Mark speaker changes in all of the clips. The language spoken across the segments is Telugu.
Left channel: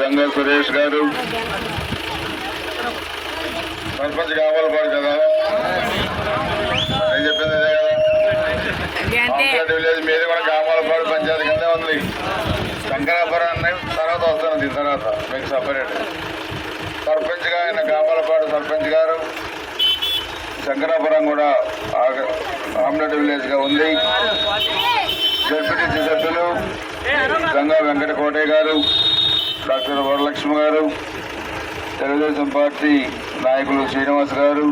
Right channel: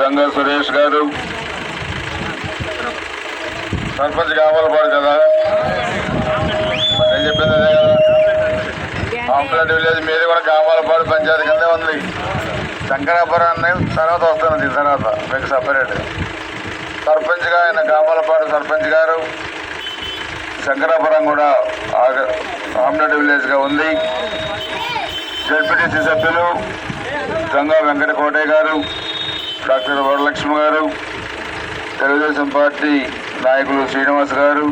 Speaker 1: గంగా సురేష్ గారు. సర్పంచ్ గామలపాడు కదా. నేను చెప్పింది అదే కదా? ఆంధ్ర విలేజ్ మీది కూడా గామాలపాడు పంచాయతీ కిందే ఉంది. శంకరాపురం అనే తర్వాత వస్తున్నది తర్వాత మీకు సపరేట్ సర్పంచ్గా ఆయన గామాలపాడు సర్పంచ్ గారు. శంకరాపురం కూడా ఆమ్లెట్ విలేజ్గా ఉంది. జడ్పీటీసీ సభ్యులు గంగా వెంకట కోటయ్య గారు. డాక్టర్ వరలక్ష్మి గారు తెలుగుదేశం పార్టీ నాయకులు శ్రీనివాస్ గారు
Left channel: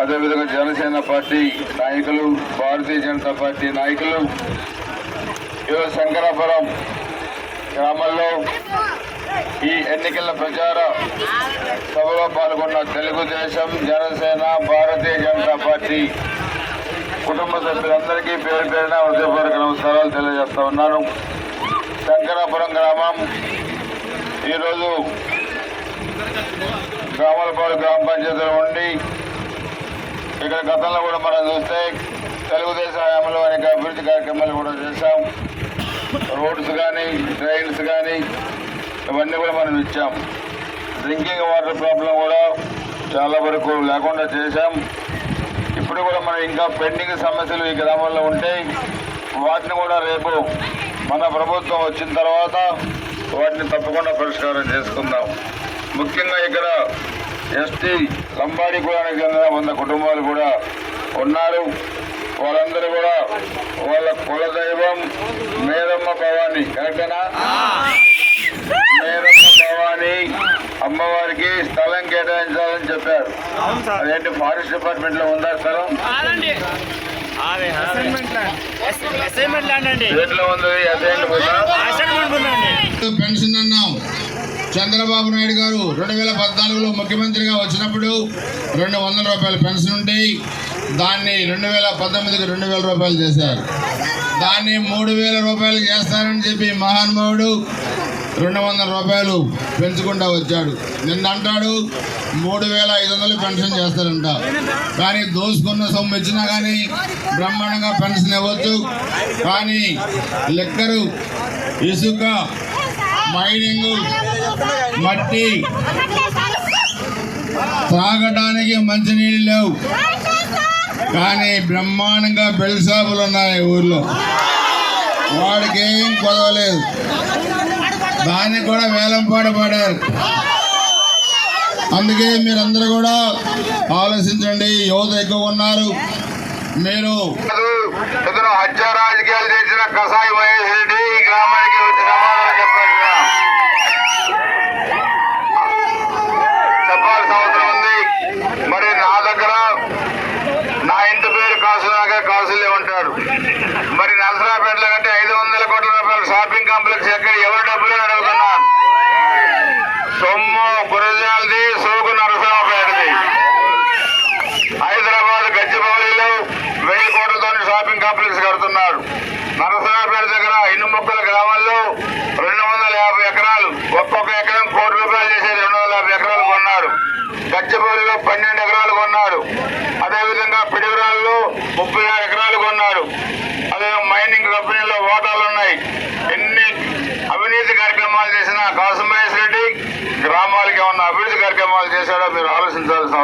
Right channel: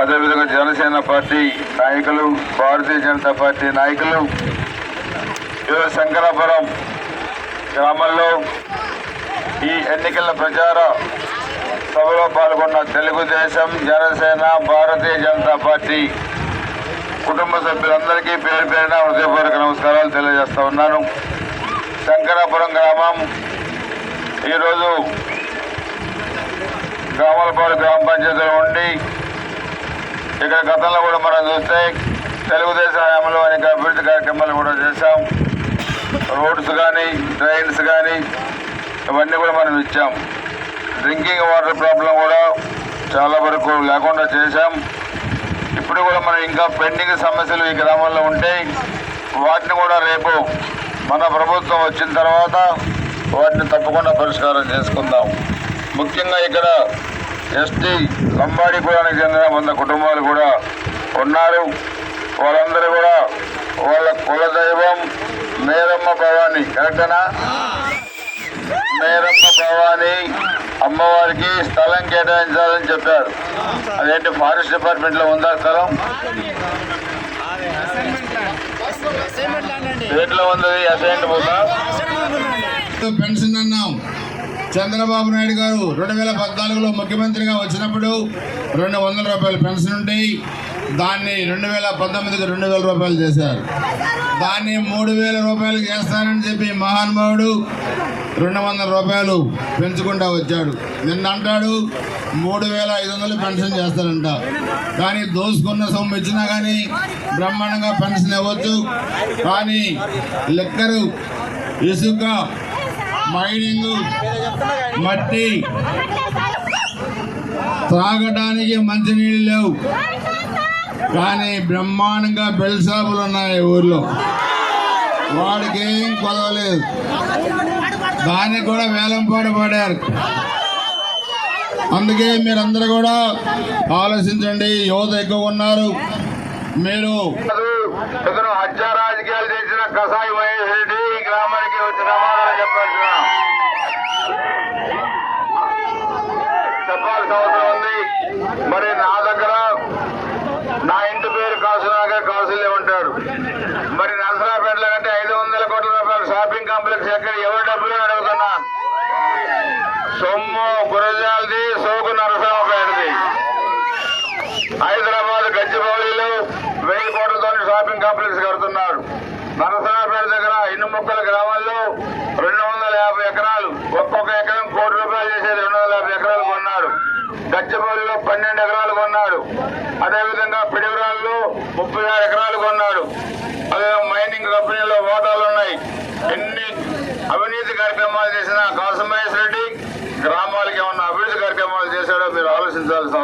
Speaker 1: అదేవిధంగా జనసేన పార్టీ నాయకులు భారతీయ జనతా పార్టీ నాయకులు ఈరోజు శంకరాపురం గ్రామంలో ఈ ఎన్నికల ప్రచార సభలో పాల్గొన్న తెలుగుదేశం జనసేన భారతీయ జనతా పార్టీ కుటుంబ సభ్యులందరికీ పేరు పేరున హృదయపూర్వక నమస్కారాలు తెలియజేస్తా ఉన్నాను. శంకరాపురం గ్రామం. ఈరోజు గ్రామాలపాడు గ్రామ పంచాయతీలో ఉండి ఇక్కడ గతంలో కూడా మనం చూస్తే తెలుగుదేశం హయాంలో అనేక అభివృద్ధి కార్యక్రమాలు కూడా చేశాం. రోడ్స్ కానీ ట్రైన్స్ కానీ ఇవన్నీ కూడా మనం ఇచ్చాం. డ్రింకింగ్ వాటర్ ప్రాబ్లం కూడా చాలా వరకు లేకుండా చేశాం. ఇప్పుడు కూడా మనం ఇంకా పెండింగ్ సమస్యలు ఈ గ్రామంలో ఉంటాయి వాటిని కూడా రేపు మన ప్రభుత్వం వచ్చిన తర్వాత వాటిని తప్పకుండా పరిష్కారం చేసుకుందాం. ముఖ్యంగా ఇక్కడ ఎస్టీ లంబాడి కులానికి చెందిన వంద కుటుంబాలు కూడా ఉన్నారు. వాళ్ళందరూ కూడా వాళ్ళ కులదైవం నేరమ్మ భవాని కరెక్టేనా నేరమ్మ భవాని అమ్మవారికి స్థలం కేటాయించాలని చెప్పారు. అదేంటి ఫారెస్ట్ డిపార్ట్మెంట్లో ఉందా స్థలం? ఉంది?
Speaker 2: అసైన్మెంట్
Speaker 3: పెన్షన్ అన్నాం. చంద్రబాబు నాయుడు గారు రెండు వేల పద్నాలుగులో ముఖ్యమంత్రిగా వచ్చినప్పుడు రెండు వందల రూపాయల పెన్షన్ ఉంటాయి దాన్ని రెండు వేల పంతొమ్మిదికి రెండు వేల రూపాయలు చేశారు. దాన్ని మూడు వేల రూపాయలు చేస్తానని చెప్పి మహానుభావుడు రెండు వందల రూపాయలు పెంచుకుంటా వచ్చాడు. నిన్న అంటాడు మూడు వేల ఐదు వందలు పెన్షన్ చేస్తారంట. కానీ దోసుకున్న సొమ్ము ఇచ్చినా కానీ బ్రహ్మాండంగా పెన్షన్ ఇవ్వచ్చు. కానీ లెక్కరు ఇసుక మైనింగ్ మట్టి త్రాగడానికి మంచినీళ్ళు లేవు. కానీ బ్రహ్మాండంగా బెల్ షాపులు ఉన్నాయి ఊర్లో. వాడికి ఏం కొలవలేదు దానికి కూడా వేలంపాట పడారు అందుకే మీరందరూ కూడా ఆలోచించండి. యువత ఎక్కువ ఉన్నారు. మీరు
Speaker 1: ఇతను హత్య రాజకీయాలు చేసిన కషాయి మహేష్ హైదరాబాద్ గచ్చిబౌలిలో వెయ్యి కోట్లతో షాపింగ్ కాంప్లెక్స్ కడుతున్నారు. నరసరాపేట దగ్గర ఇన్ని మొక్కల గ్రామాల్లో రెండు వందల యాభై ఎకరాలు. ఒక్కొక్క ఎకరం కోటి రూపాయలు చేసేది రెండు వందల యాభై ఎకరాలు కొన్నాడు. గచ్చిబౌలిలో పన్నెండు ఎకరాలు కొన్నాడు. అదేవిధంగా పిడిగురాల్లో ముప్పై ఆరు ఎకరాలు కొన్నాడు. అదే మైనింగ్ కంపెనీలో ఓటాలు ఉన్నాయి. ఎన్ని అవినీతి కార్యక్రమాలు చేసిన కాసుమహేష్ రెడ్డి గ్రామాలకి ఏమన్నా అభివృద్ధి కార్యక్రమాలు చేశాడో మీరు ఆలోచించాల్సిన